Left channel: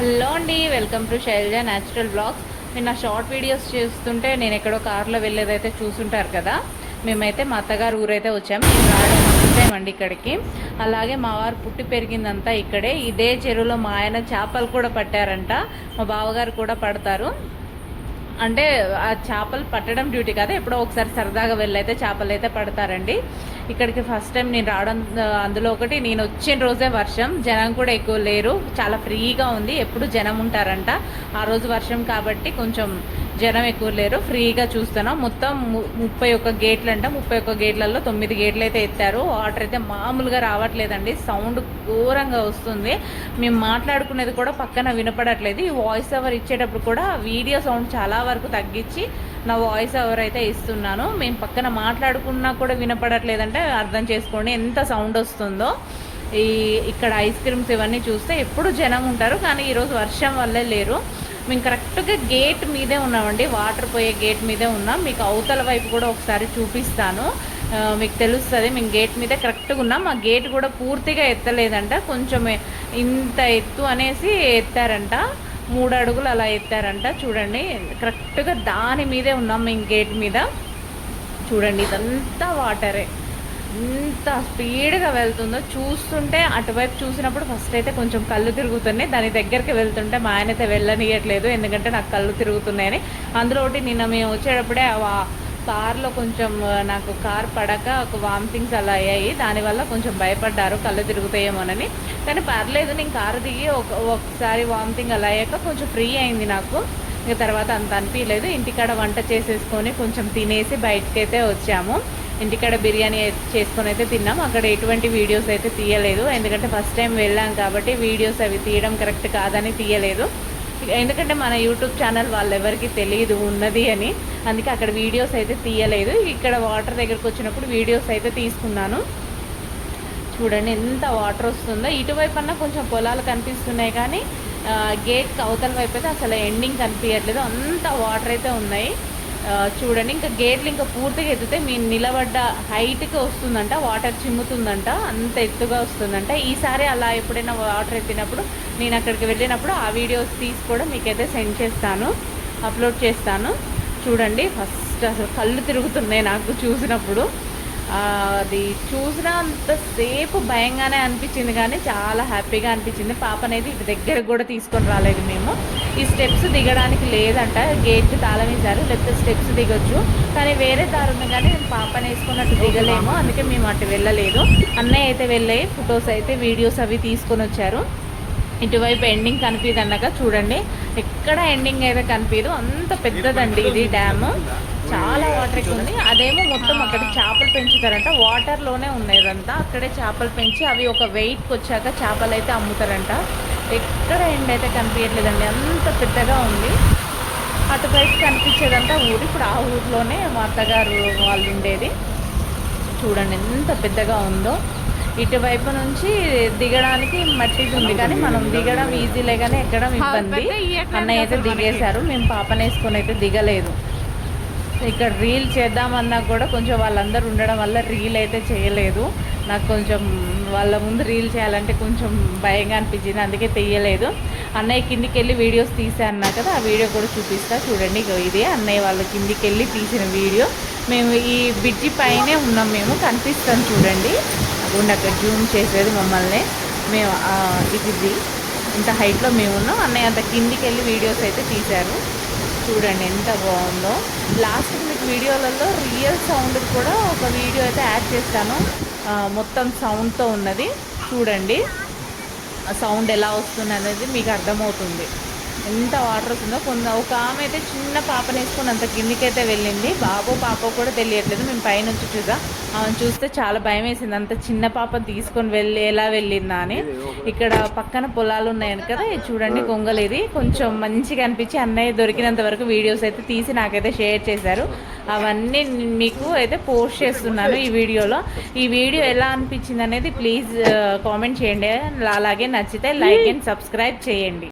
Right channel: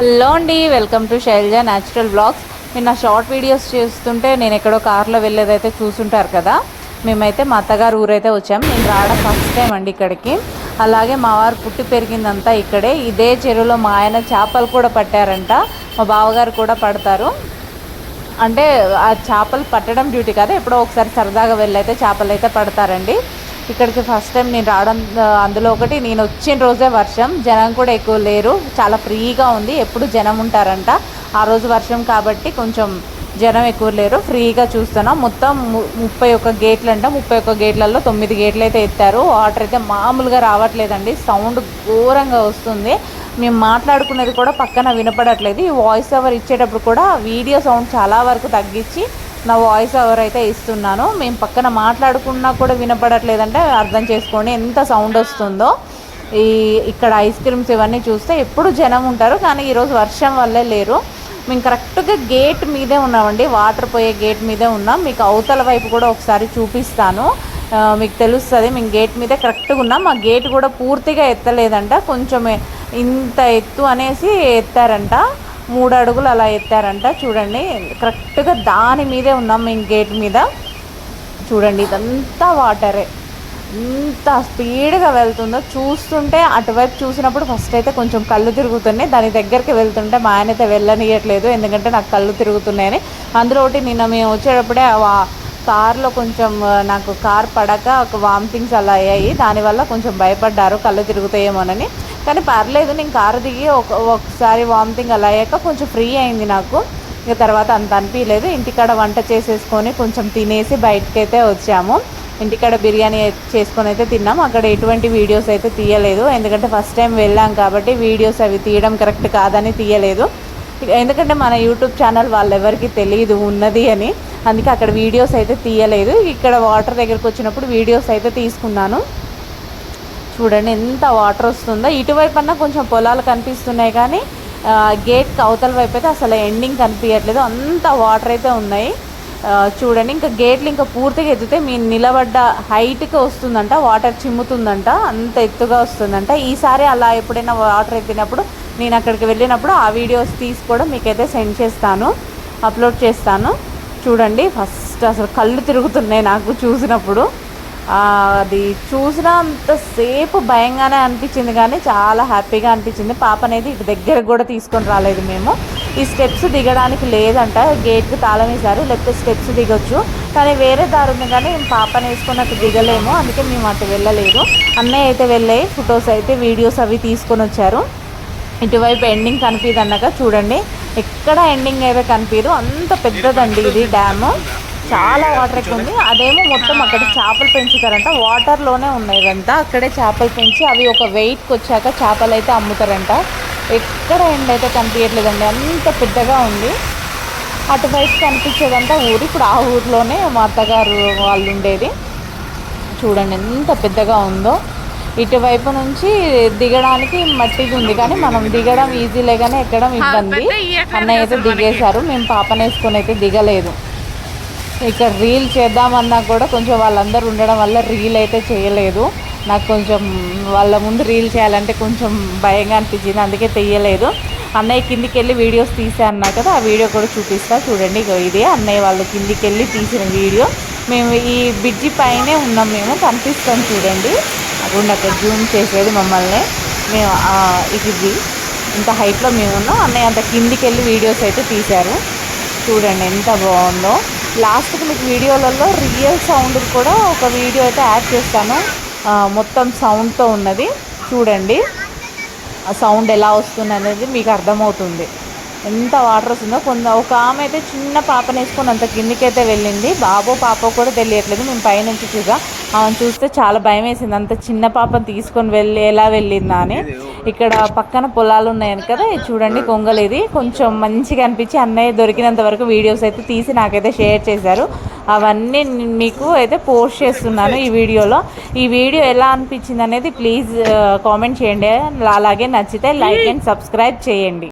Hello అండి, welcome to Shailaja natural blogs. నిన్న short videos చేస్తుంటే నేను ఎక్కడో కార్లో వెళ్ళేదైతే చూసుంటారు కదా. మేమైతే మా అత్తగారు ఊరైతే వచ్చాము. నేను రావడం ఫస్ట్ టైం అండి ఇక్కడికి. అలాగే మా వారు పుట్టి పెరిగిందంతా ఇక్కడే. ఇదే చెరువులో మా ఆయన చేపలు కూడా పట్టారంట. మా బావగారు కూడా పడతారు. అంటే ఆ చేపలు పట్టడం డ్యూటీ కాదు, ఎప్పుడో ఒకసారి సరదాగా వెళ్ళైతే చేపలు అయితే పడతారండి. ఇక్కడికి ఫస్ట్ టైం నేను రావడం. అందులో ఒకటి, నేను వచ్చిన రోజే వర్షం, జనం కూడా ఎక్కువ లేరు, చాలా ఫ్రీగా ఉంది. ఎప్పుడు జనం ఉంటారంట, ఆ రోజు వర్షం కాబట్టి కొంచెం జనం ఎక్కువ లేరు, ఫ్రీగా చూస్తున్నాం. మొత్తం 31 గేట్లు అంట. 31 గేట్లలో 9 గేట్లు అయితే ఎత్తారు. వాటర్ అయితే మామూలుగా రావట్లేదండి, సౌండ్ ఘోరంగా వస్తుంది. మేము మాట్లాడుకునేది కూడా పక్కన వినపడట్లేదు. ఈ వాయిస్ ఓవర్ ఇచ్చేటప్పుడు కూడా వీడియో సౌండ్ చాలా వరకు తగ్గించి నా వాయిస్ ఓవర్ అయితే ఇస్తున్నాను. మేము పక్కన మాట్లాడుకున్నా కూడా వినపడట్లేదంటే అర్థం చేసుకోండి ఎంత సౌండ్ వస్తుందో. ఇక్కడ ఐస్ క్రీమ్స్ ఇవన్నీ చూస్తే ఎప్పుడు జనం ఉంటారు, కానీ ఈరోజు వర్షం వల్లే లేరు. మేము కరెక్ట్గా గేట్ మీదే ఉన్నామండి, వాటర్ పోయే గేట్ మీదే ఉన్నాం. మీకు అవతల వైపు కూడా ఒకసారి చూపిస్తాను, మీకు తెలుస్తుంది. మేము గేట్ మీదే కరెక్ట్గా ఉన్నాం. ఆ గేట్ కూడా పూర్తిగా ఎత్తలేదంట, కొంచెం ఇంత ఎత్తు అనేసి ఎత్తారంట. 3 అడుగులు అలా ఎత్తారంట. చూడండి, కరెక్ట్గా దాని మీదే ఉన్నాం మేము, గేట్ మీద. చూడండి, ఇదంతా వాటరే, ఎంత స్పీడ్గా వెళ్తుందో చూస్తుంటే. అటువైపు చూసినప్పుడు ఫస్ట్ అయితే కొంచెం కళ్ళు తిరుగుతున్నాయి, దాని దగ్గరికి వెళ్తుంటే మా ఆయన అయితే వెళ్ళనియట్లేదు, ఎందుకంటే నాకు కళ్ళు తిరుగుతున్నాయని. అందులో ఒకటి, నిన్న మేము వచ్చేటప్పుడే కార్లో కొంచెం నాకు కార్ పడక ఒక వామిటింగ్స్ అలా అయ్యాయి, దానివల్ల కొంచెం భయపడ్డారు కళ్ళు తిరుగుతాయేమోనని. కానీ పర్లేదు, నేను కారు దిగి ఒకసారి వామిటింగ్ అలా అయ్యాక కొంచెం ఫ్రీ అయింది నాకు. ఇక తర్వాత అంత అనిపించలేదు. ఇంటికాడ వంట చేసేసుకొని కొంచెం తినేసి బయటకైతే వచ్చాము. ఇంటికాడ బిర్యానీ చేసుకొని అయితే తిన్నాం. అక్కడ ఎటువంటి వీడియోస్ అయితే తీయలేదు, ఎందుకంటే ఫస్ట్ టైం వెళ్ళాం కాబట్టి వీడియోస్ అవి తీయడం కరెక్ట్ కాదని తీయలేదు. ఎందుకంటే మన యూట్యూబ్ ఛానల్ వాళ్ళెవరికి తెలియదు ఉన్నది అని, అందుకే అక్కడ వీడియోస్ అయితే తీయలేదు. ఇక్కడ వాటర్ దగ్గరకు వచ్చినప్పుడు వీడియోస్ అయితే తీసుకున్నాను. చూడండి ఎంత వాటర్ వస్తుందో. ఇటువైపు అన్నా కొంచెం పొలాలు కనిపిస్తున్నాయి, కానీ గేట్కి అవతల వైపు అయితే అసలు ఎండింగ్ కనిపించట్లేదు, అంత వాటర్ అయితే ఉన్నాయి. చూడండి, ఇంకా గేట్లు ఇంకా పూర్తిగా ఎత్తితే మీ నిలబడ్డ హైట్కి వస్తుందంట, వాటర్ చిమ్ముతుందంట, అంత ఎత్తుగా వస్తుందంట. ఈసారి అలా ఎప్పుడైనా వాటర్ ఎత్తినప్పుడు నేను అక్కడికి వెళ్ళినప్పుడు ఆ వీడియోస్ తీసి కూడా మీకైతే సెండ్ చేస్తాను, అప్లోడ్ చేస్తాను. చూడండి, ఫస్ట్ అసలు కళ్ళు తిరుగుతున్నాయి నాకు చూసినప్పుడు. అది చూసినంతసేపు భయంగానే అనిపించింది, కానీ చాలా హ్యాపీగా అనిపించింది. పాప అనేది ఇటు దగ్గరకు కూడా తీసుకొని రాలేదు మేము. ఈ స్టెప్స్ దిగడానికి లేదంట, గేట్కి తాళం వేశారు, లేకపోతే స్టెప్స్ దిగొచ్చు, కానీ వేరే దారి ఉంది, కానీ మేము పాపని వేసుకొని అటు దిగలేము, అందుకే మేము అటు వెళ్ళలేదు. అన్నయ్య అయితే వెళ్ళాయి, ఫొటోస్ అయితే వీడియోస్ అవి తీసుకొని వచ్చారు. ఇటువైపు ఎండింగ్ కనిపిదు అన్నాక చూడండి, ఎక్కడ ఎండింగ్ అయితే కనిపించదు, అంత పెద్దదండి ఇది డ్యాము. చాలా వాటర్ ఎక్కువ ఉంది. అదేమో మొత్తం అక్కడ చేపలు పెంచుతారంట, వాటర్లోనే ఉన్నాయి ఇదంతా. అక్కడే చేపలు పెంచి అవి ఒక వెయిట్కి వచ్చాక చేపలు అయితే అమ్ముతారంట. ఎక్కడ ఎండ్ అయితే కనిపించట్లేదండి, అంత పెద్దగా ఉంది. అటువైపు కనిపించేదంతా ఊరు. ఇప్పుడు ఆ ఊరిలోనే మా అత్తగారు వాళ్ళు ఉండేది. చూడండి ఎంత పెద్దగా ఉందో. ఇటువైపు నుంచి దిగడానికి మట్టిది ఉంది, కానీ మనం దిగడం ఈజీలే, కానీ ఎక్కడం ఇబ్బంది. అన్నయ్య అయితే దిగేశారు, మేము పాపను వేసుకొని అయితే దిగలేదు. ఇక్కడ రీల్ చేద్దామన్నా కూడా కొంచెం వాళ్ళందరూ ఉండడం వల్ల రీల్ అయితే చేయలేదు. నాకు కొంచెం వాళ్ళ ముందు రీల్ చేయాలంటే కొంచెం భయంగా అనిపించింది, అందుకే తీయలేదు. అన్నయ్య కిందికి వెళ్ళి వీడియోస్ తీసా అన్నా కదా, ఆ వీడియో కూడా చూపిస్తా. చూడండి, వీడియో అన్నయ్య వాళ్ళ కిందికి వెళ్ళి తీసిన వీడియో. మేము ఈ బ్రిడ్జి పైనే ఉన్నాం, మేము కనిపిస్తాం చూడండి. అక్కడ అక్కడ జూమ్ చేసేది మమ్మల్ని. మేము ఇది ఇంత హైట్లో మేము ఉన్నాం, అన్నయ్య అంత కిందికి వెళ్ళి వీడియోస్ అయితే తీశారు. చూడండి ఎంత బాగుందో. లాస్ట్కి మీకు వీడియోలలో రియల్ సౌండ్ కూడా ఒక వీడియో అయితే యాడ్ చేస్తాను, మొత్తం సౌండ్తో ఉన్నది. చూడండి ఆ సౌండ్ ఎలా వస్తుంది అనేది మీకు అర్థమవుతుంది, ఎంత వాటర్ వస్తుందో. ఒక ఆమె అయితే చిన్న పాపను వేసుకొని అంత కిందికైతే వెళ్ళింది, బాబో పాప కూడా తెలియట్లేదు. మేము పైనుంచి చూసా, ఆమెను చూస్తే చాలా భయం వేసింది, అంత చిన్న పాపను తీసుకొని ఎలా వెళ్ళిందా అని. ఇక్కడ పక్కన పొలాలు ఉన్నాయని కదా, చూడండి కొంగలు. ఇది కొంచెం మంచిగా అనిపించి అన్నయ్య దొరికినంత వరకు వీడియోస్ అయితే తీసి నాకైతే షేర్ చేశారు. అవన్నీ మీకు అయితే పోస్ట్ చేస్తున్నాను ఈ వీడియోలో. ఈ వీడియో ఎలా అనిపించింది అనేది ప్లీజ్ కామెంట్ చేయండి. అలాగే నచ్చితే లైక్ అండ్ సబ్స్క్రైబ్ చేయండి.